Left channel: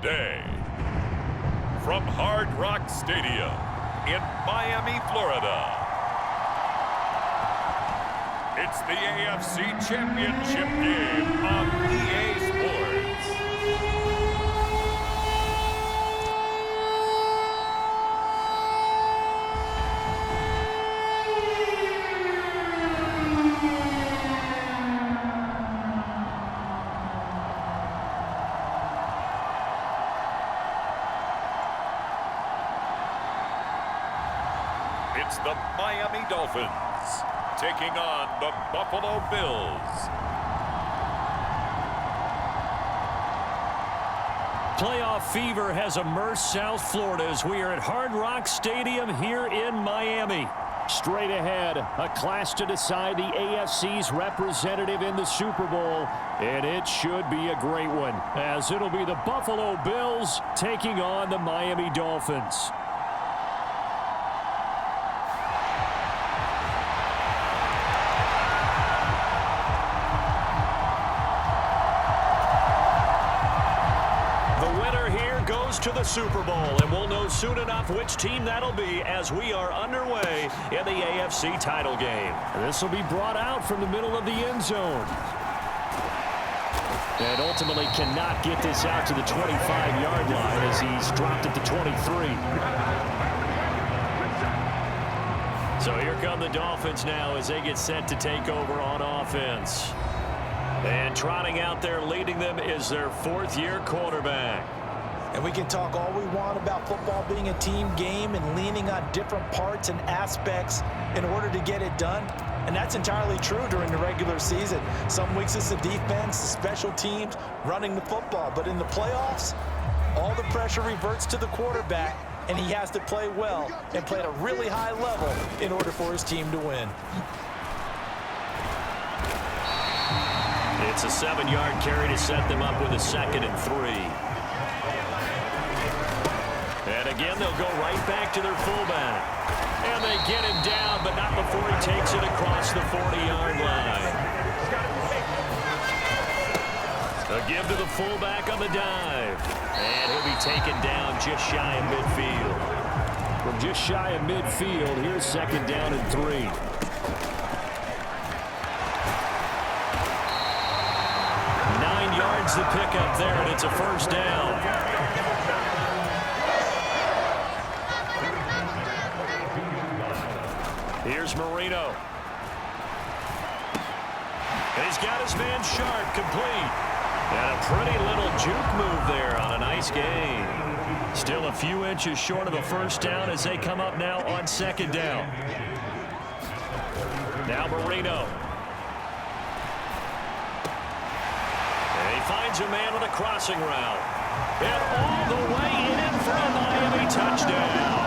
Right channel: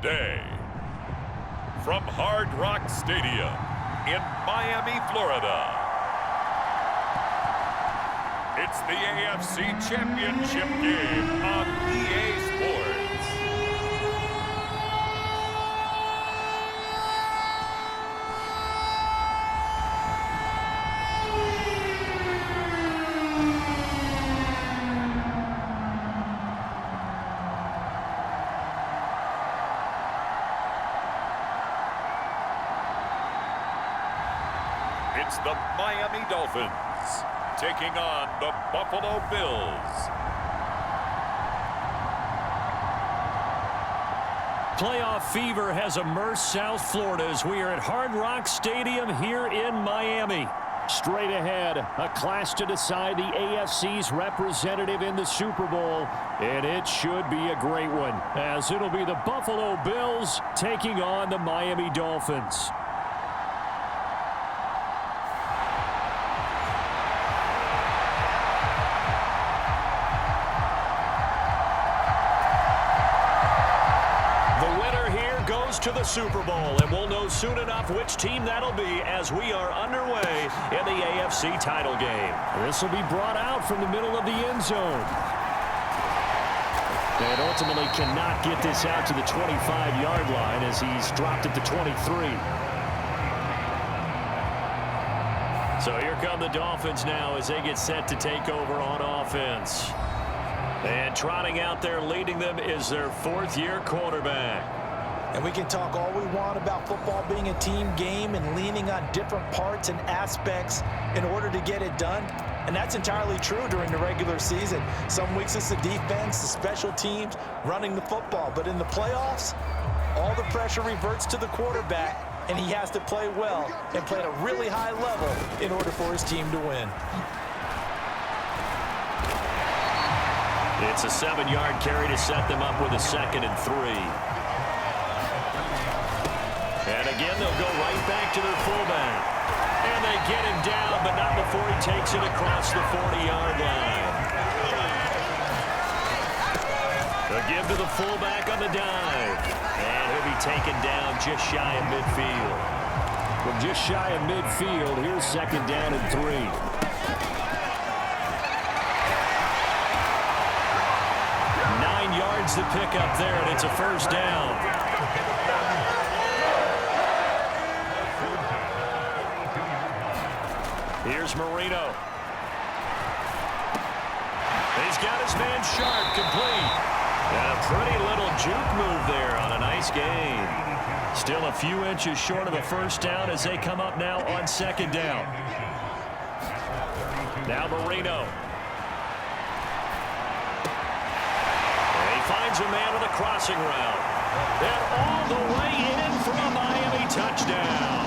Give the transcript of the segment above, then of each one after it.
today, from Hard Rock Stadium in Miami, Florida, it's the AFC Championship game on EA Sports. It's the Miami Dolphins taking on the Buffalo Bills. Playoff fever has immersed South Florida as we are at Hard Rock Stadium here in Miami. Straight ahead, a clash to decide the AFC's representative in the Super Bowl, and it should be a great one, as it'll be the Buffalo Bills taking on the Miami Dolphins. To the Super Bowl, and we'll know soon enough which team that'll be as we are underway in the AFC title game. This will be brought out from the middle of the end zone. And ultimately cannot get this out to the 25-yard line as he's dropped at the 23. So here come the Dolphins now as they get set to take over on offense. And trotting out there leading them is their fourth-year quarterback. And we can talk all we want about football being a team game and leaning on different parts and aspects in order to get it done. And that's entirely true during the regular season. Some weeks it's the defense, the special teams, running the football. But in the playoffs, all the pressure reverts to the quarterback, and he has to play well and play at a really high level in order for his team to win. It's a 7-yard carry to set them up with a 2nd and 3. And again, they'll go right back to their fullback. And they get him down, but not before he takes it across the 40-yard line. A give to the fullback on the dive. And he'll be taken down just shy of midfield. From just shy of midfield, here's 2nd down and 3. Nine yards to pick up there, and it's a first down. Here's Marino. He's got his man Sharp complete. And a pretty little juke move there on a nice gain. Still a few inches short of a first down as they come up now on 2nd down. Now Marino. And he finds a man on the crossing route. And all the way in for a Miami touchdown.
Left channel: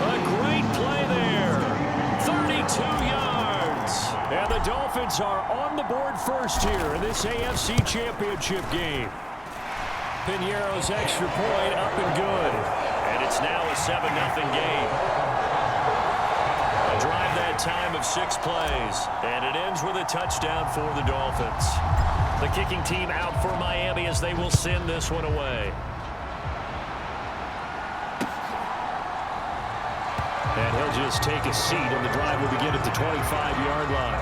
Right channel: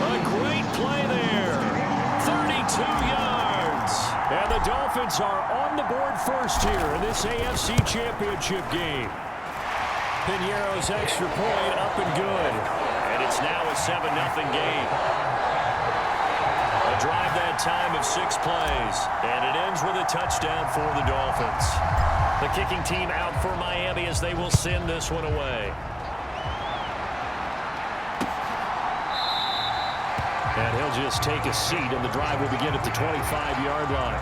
A great play there. 32 yards. And the Dolphins are on the board first here in this AFC Championship game. Piñeiro's extra point up and good. And it's now a 7-0 game. A drive that time of 6 plays. And it ends with a touchdown for the Dolphins. The kicking team out for Miami as they will send this one away. And he'll just take a seat, and the drive will begin at the 25-yard line.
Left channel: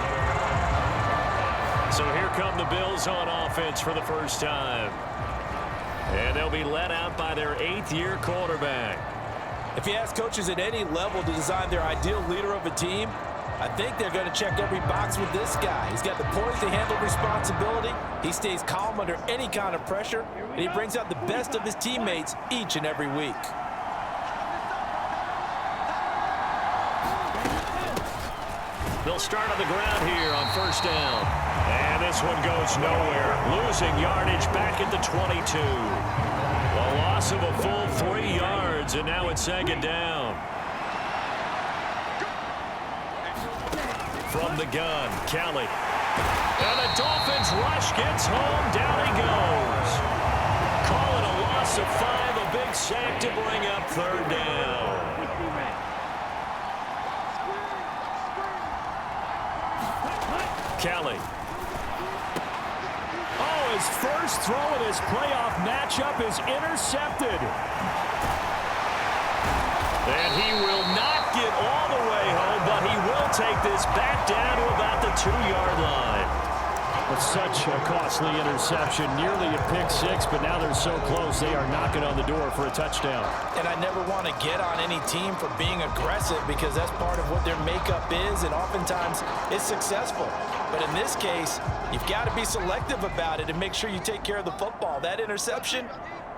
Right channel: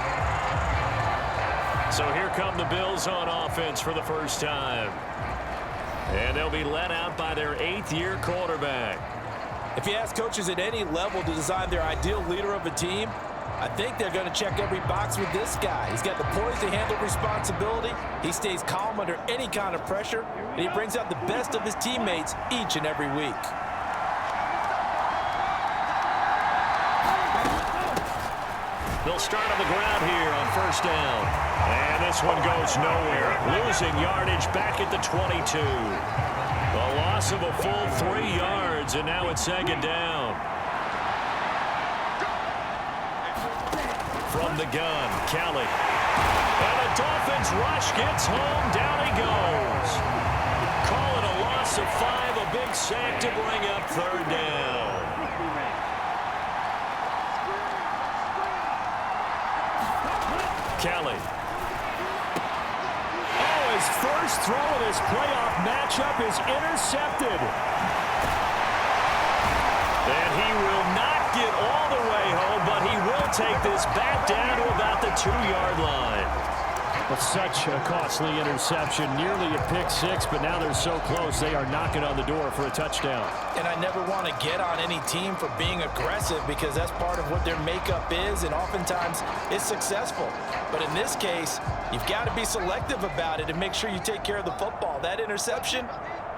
So here come the Bills on offense for the first time. And they'll be led out by their 8th-year quarterback. If you ask coaches at any level to design their ideal leader of a team, I think they're going to check every box with this guy. He's got the poise to handle responsibility. He stays calm under any kind of pressure, and he brings out the best of his teammates each and every week. They'll start on the ground here on first down. And this one goes nowhere. Losing yardage back at the 22. A loss of a full 3 yards, and now it's 2nd down. From the gun, Kelly. And the Dolphins rush gets home. Down he goes. Call it a loss of 5. A big sack to bring up 3rd down. Kelly. Oh, His first throw of this playoff matchup is intercepted. And he will not get all the way home, but he will take this back down to about the 2-yard line. But such a costly interception, nearly a pick six, but now they're so close they are knocking on the door for a touchdown. And I never want to get on any team for being aggressive because that's part of what their makeup is, and oftentimes it's successful. But in this case, you've got to be selective about it and make sure you take care of the football. That interception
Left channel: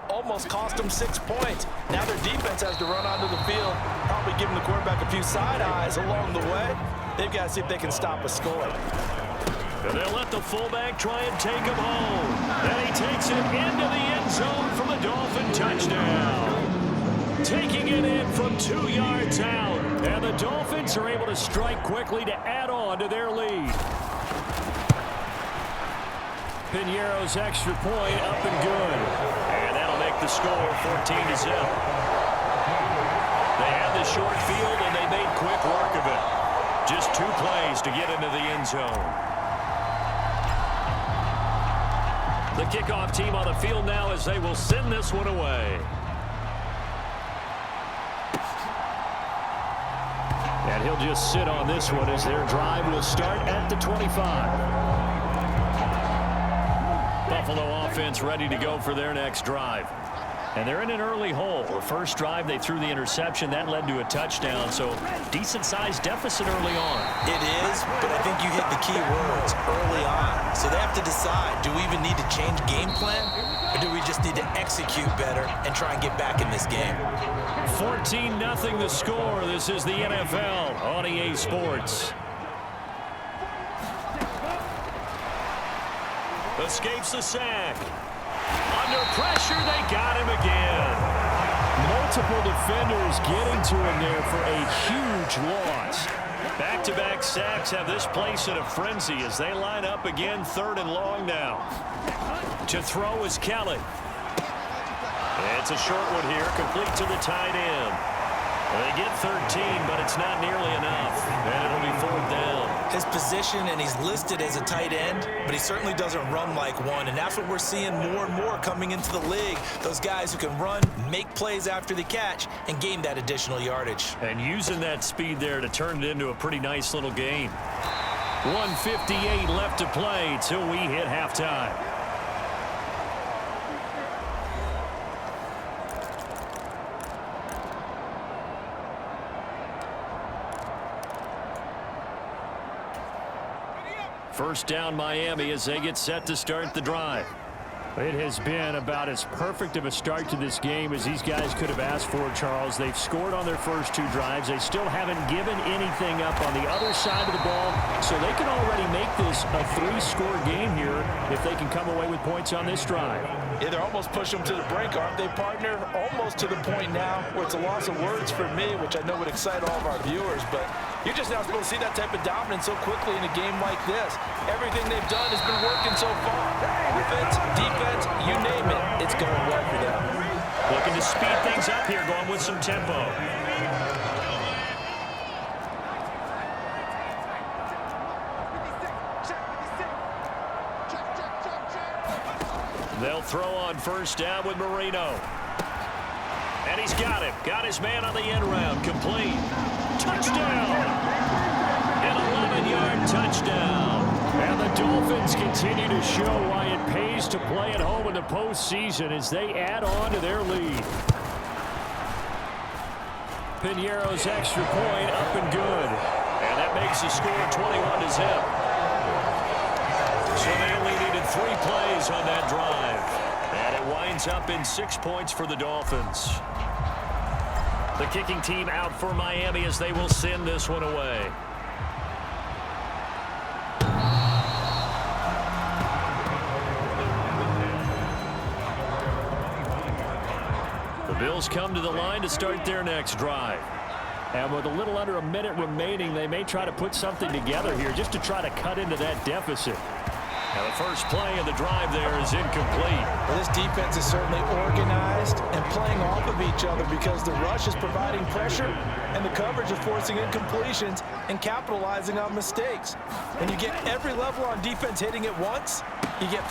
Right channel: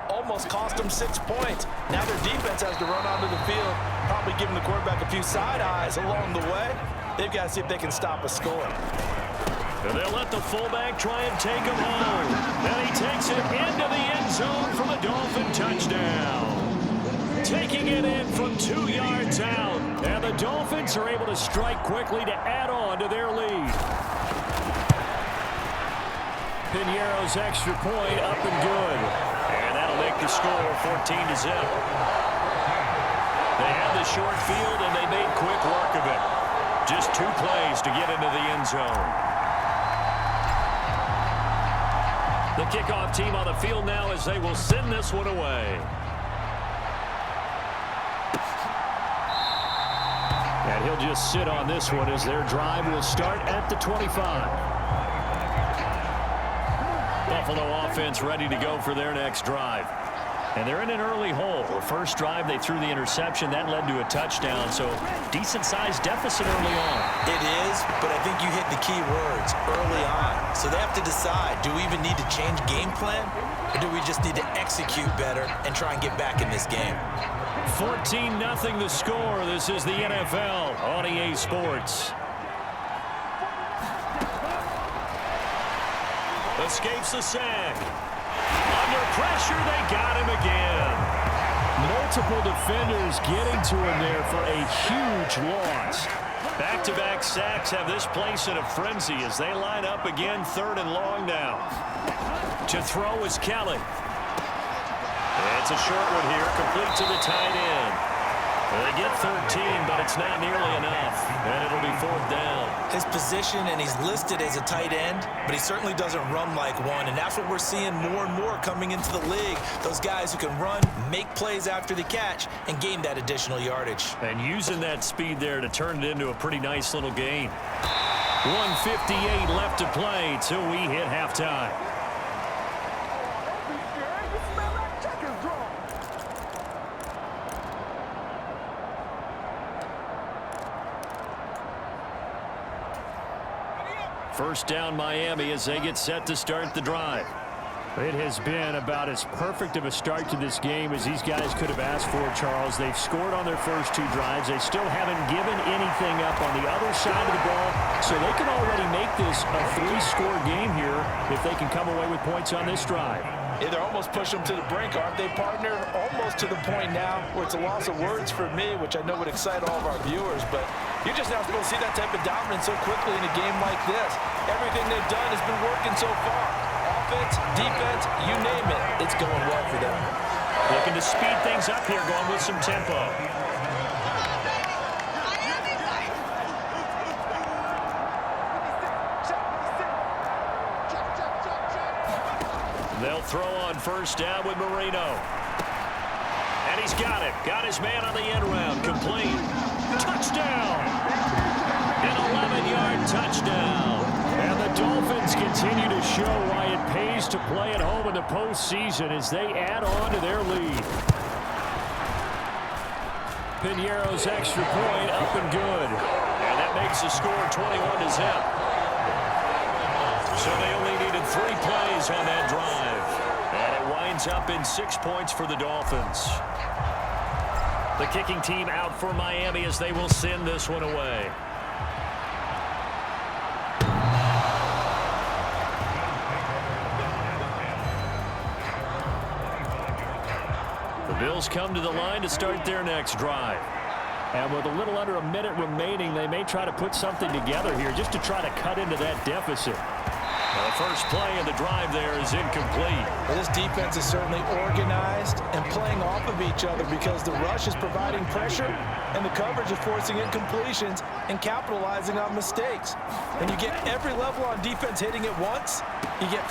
almost cost them 6 points. Now their defense has to run onto the field, probably giving the quarterback a few side eyes along the way. They've got to see if they can stop a score. And they'll let the fullback try and take him home. And he takes it into the end zone for the Dolphin touchdown. Taking it in from 2 yards out. And the Dolphins are able to strike quickly to add on to their lead. Piñeiro's extra point up and good. And that'll make the score 14-0. They had the short field, and they made quick work of it. Just 2 plays to get into the end zone. The kickoff team on the field now as they will send this one away. And he'll just sit on this one as their drive will start at the 25. Buffalo offense ready to go for their next drive. And they're in an early hole. The first drive, they threw the interception. That led to a touchdown, so decent-sized deficit early on. It is, but I think you hit the key words, early on. So they have to decide, do we even need to change game plan, or do we just need to execute better and try and get back in this game? 14-0 the score. This is the NFL on EA Sports. Escapes the sack. Under pressure, they got him again. Multiple defenders getting to him there for a huge loss. Back-to-back sacks have this place in a frenzy as they line up again, 3rd and long now. To throw is Kelly. It's a short one here, complete to the tight end. They get 13, but it's not nearly enough, and it'll be 4th down. His position, and he's listed as a tight end, but he certainly doesn't run like one, and that's what we're seeing more and more coming into the league. Those guys who can run, make plays after the catch, and gain that additional yardage. And using that speed there to turn it into a pretty nice little gain. 1:58 left to play till we hit halftime. First down Miami as they get set to start the drive. It has been about as perfect of a start to this game as these guys could have asked for, Charles. They've scored on their first 2 drives. They still haven't given anything up on the other side of the ball, so they can already make this a 3-score game here if they can come away with points on this drive. Yeah, they're almost pushing them to the brink, aren't they, partner? Almost to the point now where it's a loss of words for me, which I know would excite all of our viewers, but you're just not supposed to see that type of dominance so quickly in a game like this. Everything they've done has been working so far. Offense, defense, you name it, it's going well for them. Looking to speed things up here, going with some tempo. They'll throw on first down with Marino. And he's got it. Got his man on the end round. Complete. Touchdown. An 11-yard touchdown. And the Dolphins continue to show why it pays to play at home in the postseason as they add on to their lead. Piñeiro's extra point up and good. And that makes the score 21-0. So they only needed 3 plays on that drive. And it winds up in 6 points for the Dolphins. The kicking team out for Miami as they will send this one away. The Bills come to the line to start their next drive. And with a little under a minute remaining, they may try to put something together here just to try to cut into that deficit. Now the first play of the drive there is incomplete. Well, this defense is certainly organized and playing off of each other because the rush is providing pressure and the coverage is forcing incompletions and capitalizing on mistakes. When you get every level on defense hitting it once, you get